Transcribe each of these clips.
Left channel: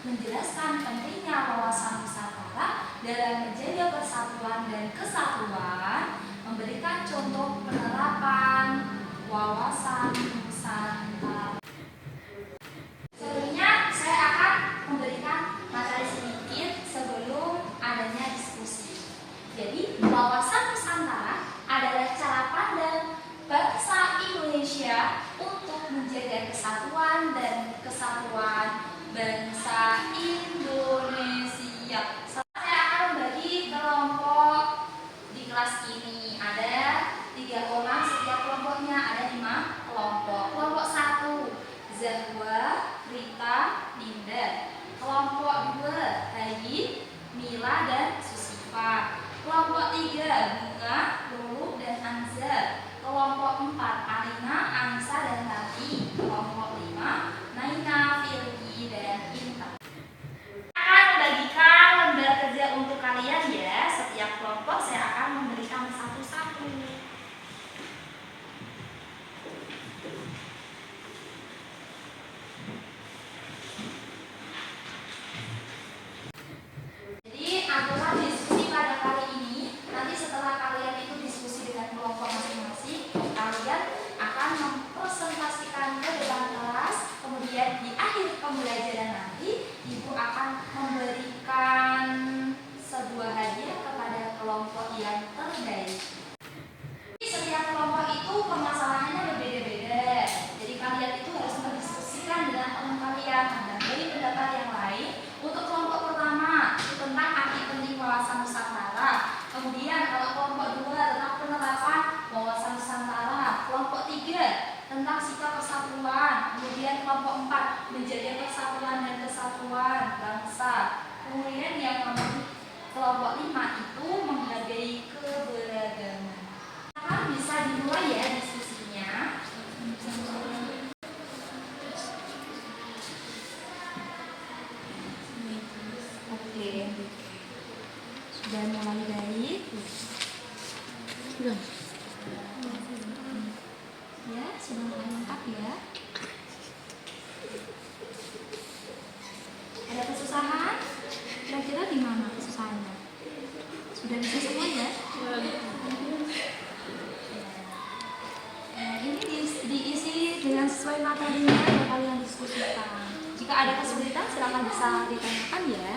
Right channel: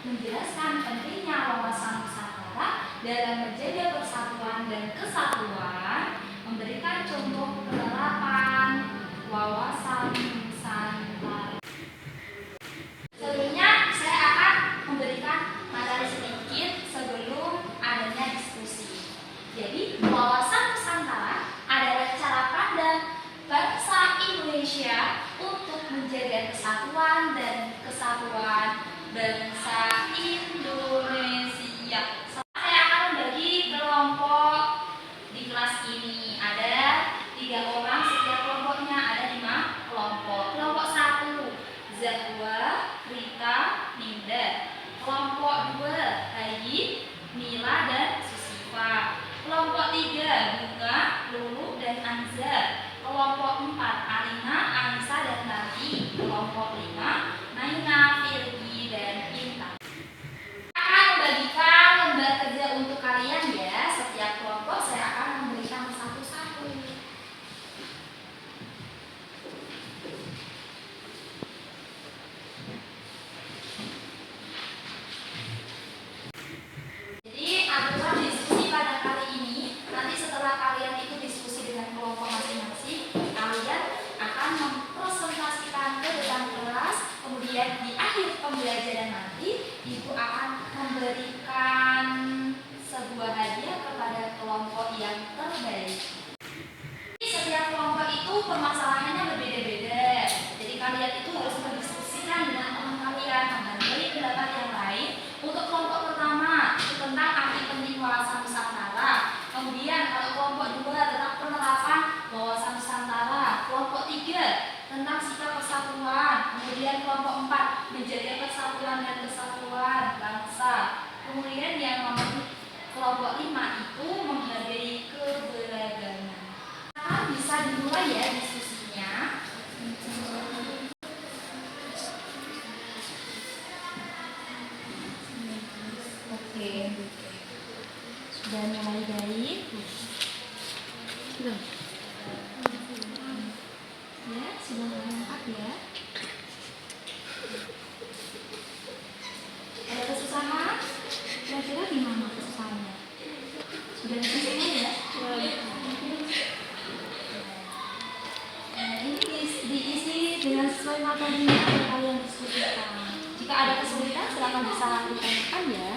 menjelaskan pentingnya wawasan Nusantara dalam menjaga persatuan dan kesatuan, memberikan contoh penerapan wawasan Nusantara. Selanjutnya saya akan memberikan materi sedikit sebelum adanya diskusi. Jadi, wawasan Nusantara adalah cara pandang bangsa Indonesia untuk menjaga kesatuan dan kesatuan bangsa Indonesia. Saya akan membagi kelompok di kelas ini. Ada 3 orang, setiap kelompoknya ada 5 kelompok. Kelompok 1, Zahwa, Rita, Ninda. Kelompok 2, Hayi, Mila, dan Susifa. Kelompok 3, Bunga, Lulu, dan Anzar. Kelompok 4, Alina, Anissa, dan Tati. Kelompok 5, Naina, Firgi, dan Intan. Akan membagikan lembar kerja untuk kalian ya. Setiap kelompok saya akan memberikan satu-satu. Jadi aturan diskusi pada kali ini, nanti setelah kalian itu diskusi dengan kelompok masing-masing, kalian akan mempresentasikan ke depan kelas. Kemudian di akhir pembelajaran nanti, Ibu akan memberikan sebuah hadiah kepada kelompok yang terbaik. Setiap kelompok itu permasalahannya berbeda-beda. Jadi kalian itu harus berdiskusikan dengan teman kalian menghargai pendapat yang lain. Untuk kelompok pertama itu tentang arti penting wawasan Nusantara. Kemudian kalau kelompok 2 tentang penerapan wawasan Nusantara. Kelompok 3 tentang sikap persatuan. Kemudian kelompok 4 menjaga persatuan dan kesatuan bangsa. Kemudian yang nomor kelompok 5 itu menghargai keberagaman. Bisa dimulai ya diskusinya. Oke, sudah mulai baik. Sudah. Ya, sudah mulai lengkap ya. Ada kesusahan? Kira-kira gimana kesusahannya? Sudah bisa semua ya? Diisi dengan sesuai materinya yang kalian diskusikan. Jika ada kesulitan silakan bisa ditanyakan ya.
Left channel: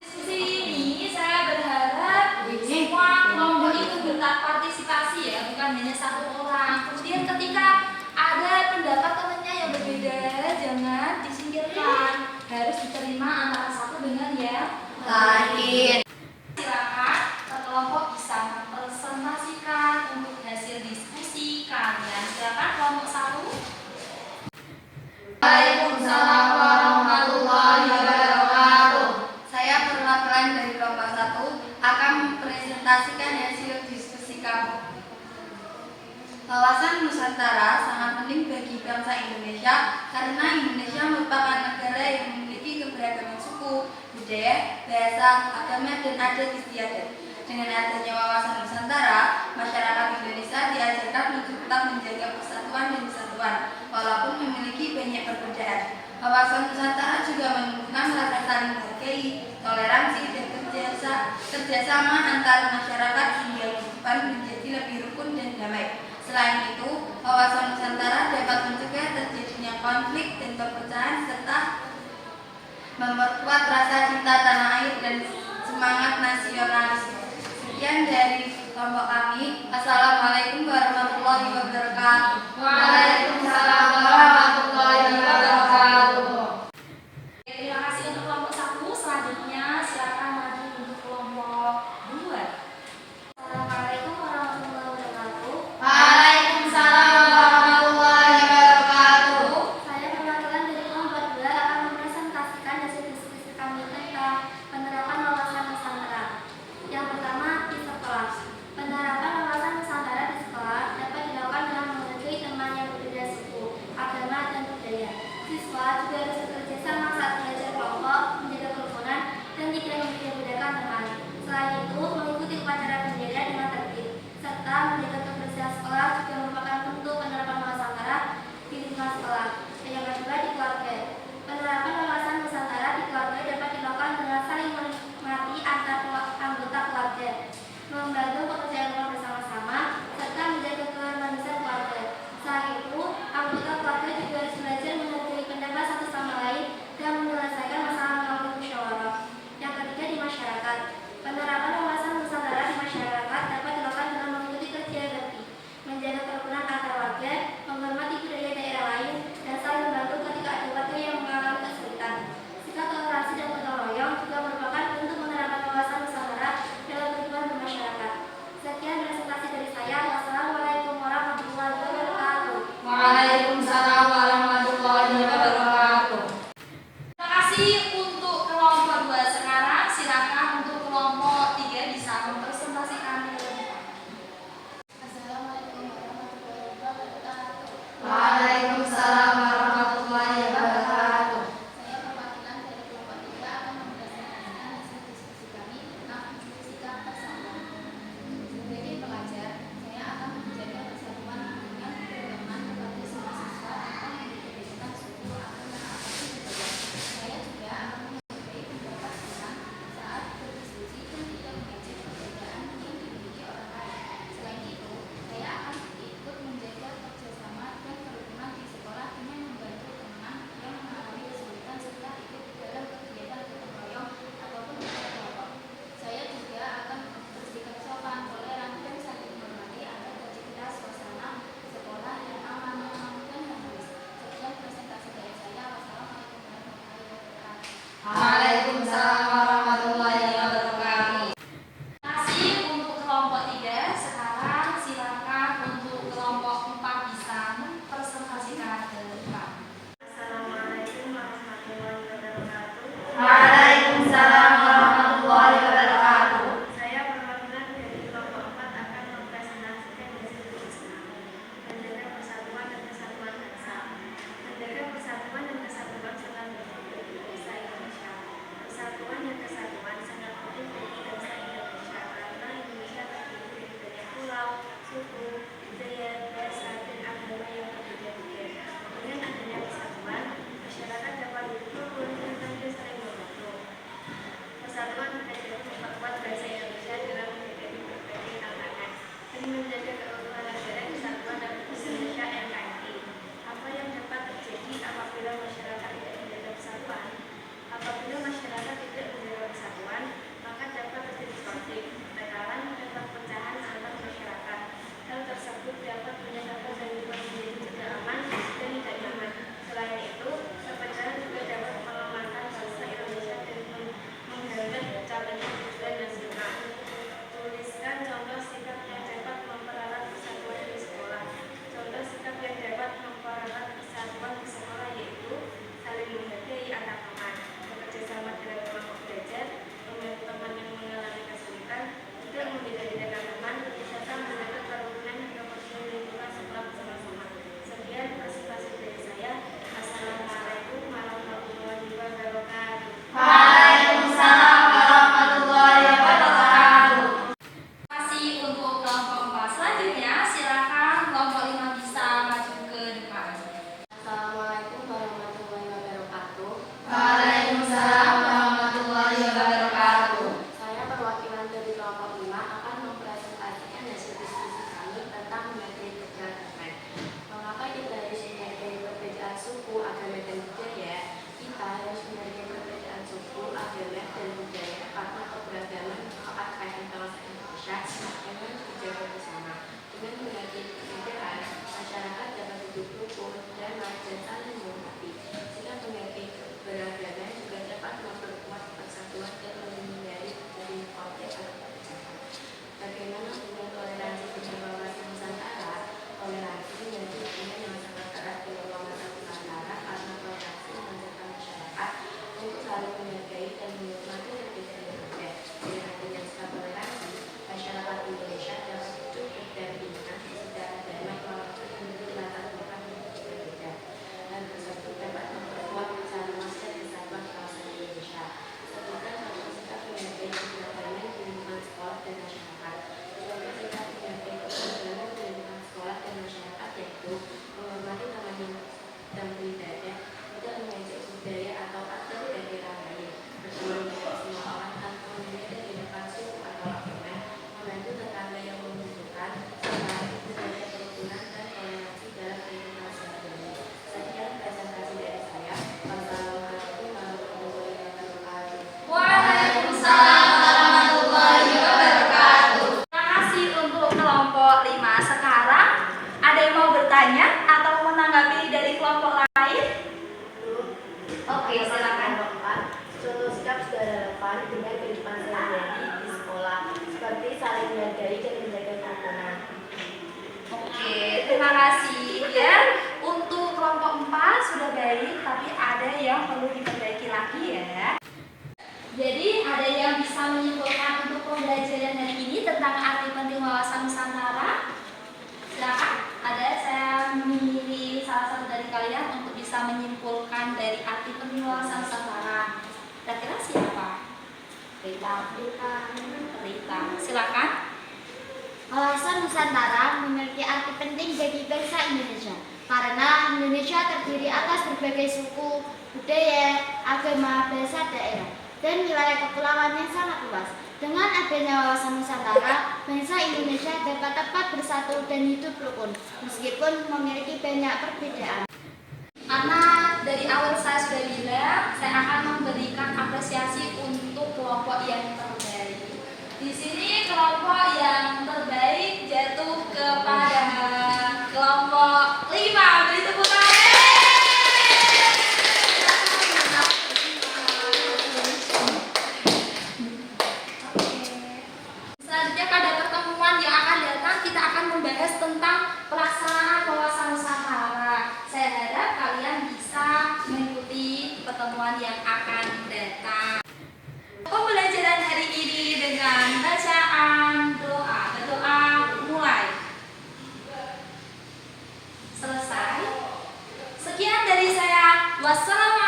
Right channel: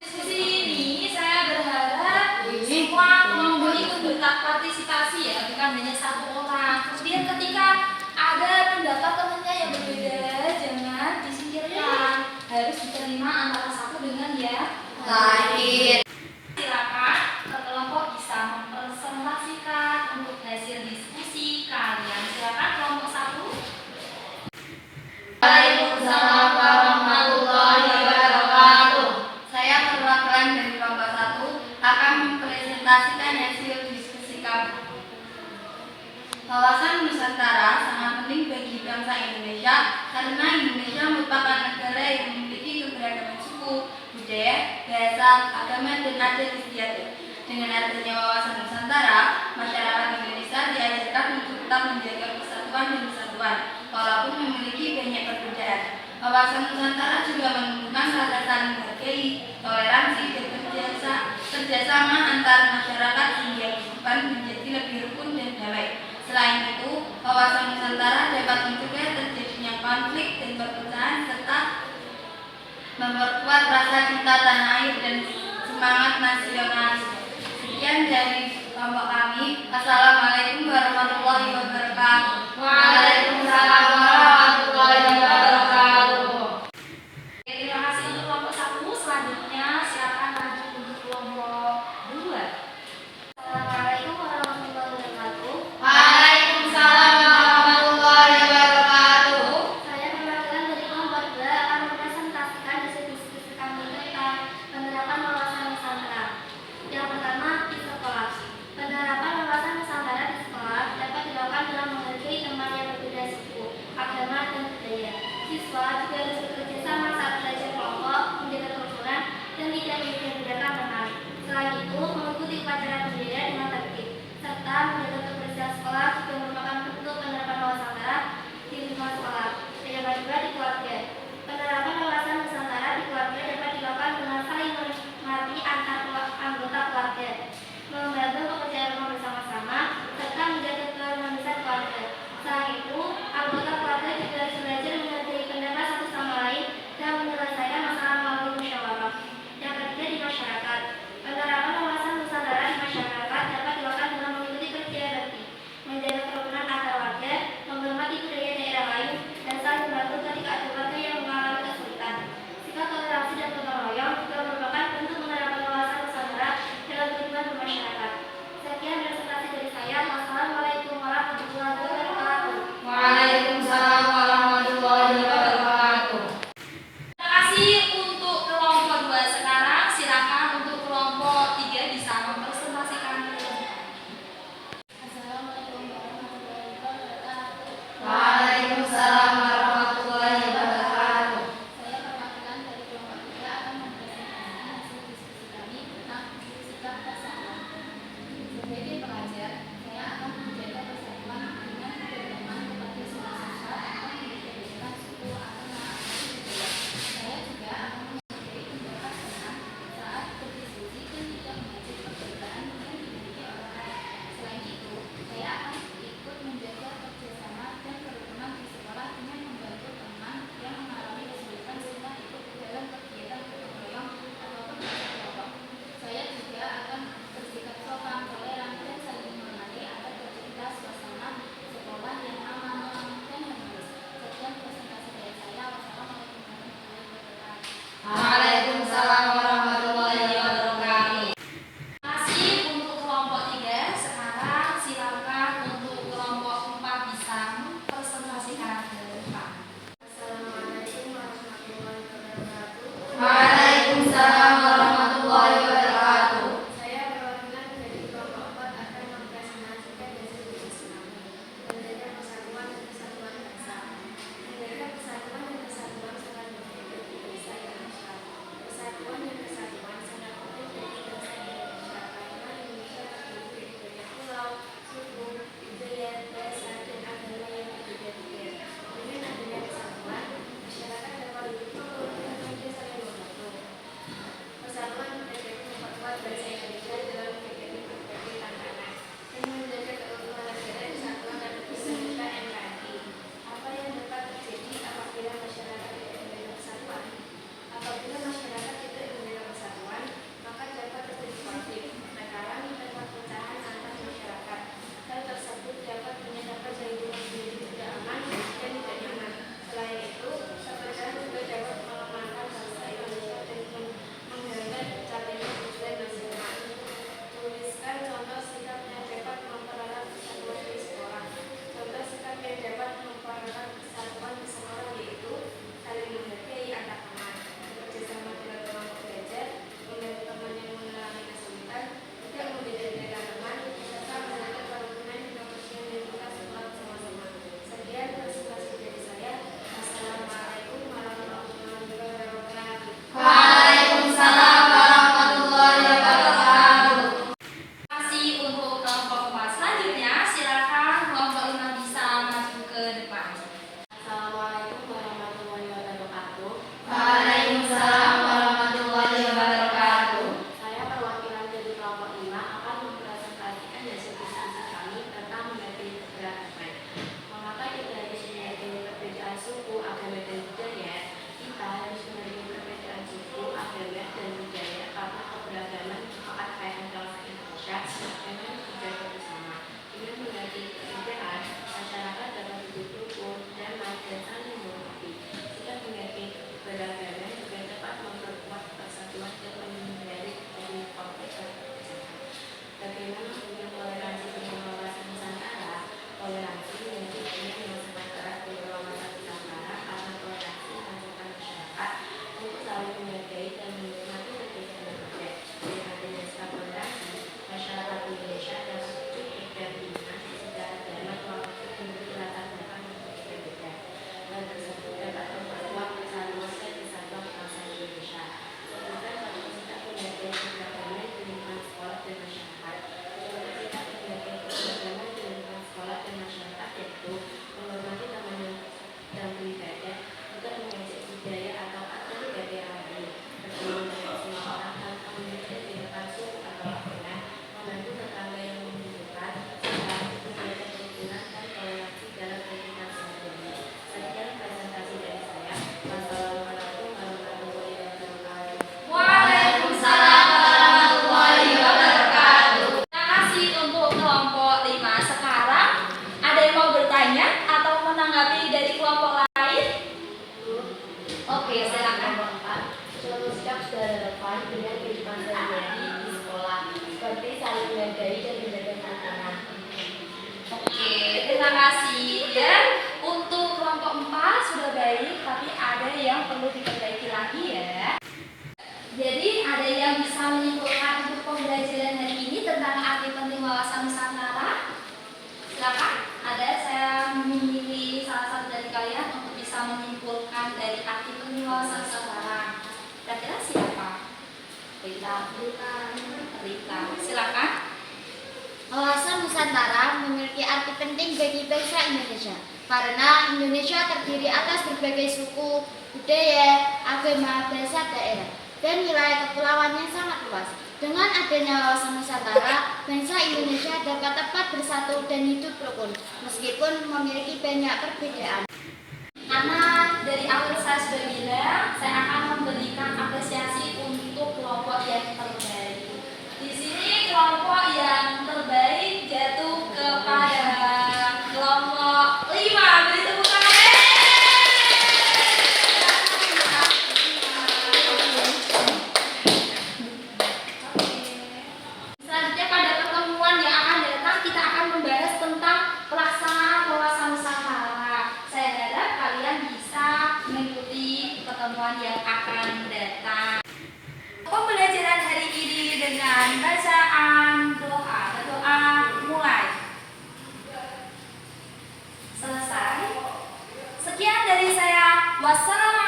Diskusi ini saya berharap semua kelompok itu berpartisipasi ya, bukan hanya satu orang. Kemudian ketika ada pendapat temannya yang berbeda, jangan disingkirkan, harus diterima antara satu dengan yang lain. Silakan kelompok bisa mempresentasikan untuk hasil diskusi kalian. Silakan kelompok 1. Waalaikumsalam warahmatullahi wabarakatuh. Saya perwakilan dari kelompok 1 akan mempresentasikan hasil diskusi kami. Wawasan Nusantara sangat penting bagi bangsa Indonesia karena Indonesia merupakan negara yang memiliki keberagaman suku, budaya, bahasa, agama, dan adat istiadat. Dengan adanya wawasan Nusantara, masyarakat Indonesia diajarkan untuk tetap menjaga persatuan dan kesatuan, walaupun memiliki banyak perbedaan. Wawasan Nusantara juga menumbuhkan rasa saling menghargai, toleransi, dan kerjasama antar masyarakat hingga kehidupan menjadi lebih rukun dan damai. Selain itu, wawasan Nusantara dapat mencegah terjadinya konflik dan perpecahan serta memperkuat rasa cinta tanah air dan semangat nasionalis. Sekian dari kelompok kami. Assalamualaikum warahmatullahi wabarakatuh. Waalaikumsalam warahmatullahi wabarakatuh. Terima kasih untuk kelompok 1. Selanjutnya silakan maju untuk kelompok 2. Assalamualaikum warahmatullahi wabarakatuh. Waalaikumsalam warahmatullahi wabarakatuh. Saya perwakilan dari kelompok 2 akan mempresentasikan hasil diskusi kami tentang penerapan wawasan Nusantara. Yang pertama, di sekolah. Penerapan wawasan Nusantara di sekolah dapat dilakukan dengan menghargai teman yang terima kasih ya. Untuk kelompok 4 sudah baik, tapi ada yang perlu diperbaiki lagi ya. Jadi ada yang bisa menyimpulkan untuk pembelajaran hari ini tentang arti penting wawasan Nusantara? Silakan. Ada saya memilih salah satu dari kalian untuk bisa menyimpulkan dari arti penting wawasan Nusantara. Kira-kira siapa? Rita. Silakan. Wawasan Nusantara memiliki arti penting bagi bangsa Indonesia karena Indonesia terdiri atas berbagai suku, budaya, agama, bahasa, daerah, dan wilayah kepulauan yang sangat luas. Dengan adanya wawasan Nusantara, bangsa Indonesia dapat tepat bersatu dan hidup rukun, meskipun memiliki banyak perbedaan. Karena dari awal saya sudah bilang, saya akan memberikan apresiasi untuk kelompok yang terbaik. Di sini kelompok yang terbaik jatuh kepada kelompok 5. Beri tepuk tangan. Selanjutnya pada pertemuan yang akan datang kita akan membahas tentang pelaksanaan wawasan Nusantara. Saya harap kalian bisa mengikuti pertemuan yang akan datang. Pembelajaran hari ini dengan bacaan doa. Berdoa mulai. Selesai. Sekian dari saya. Wassalamualaikum.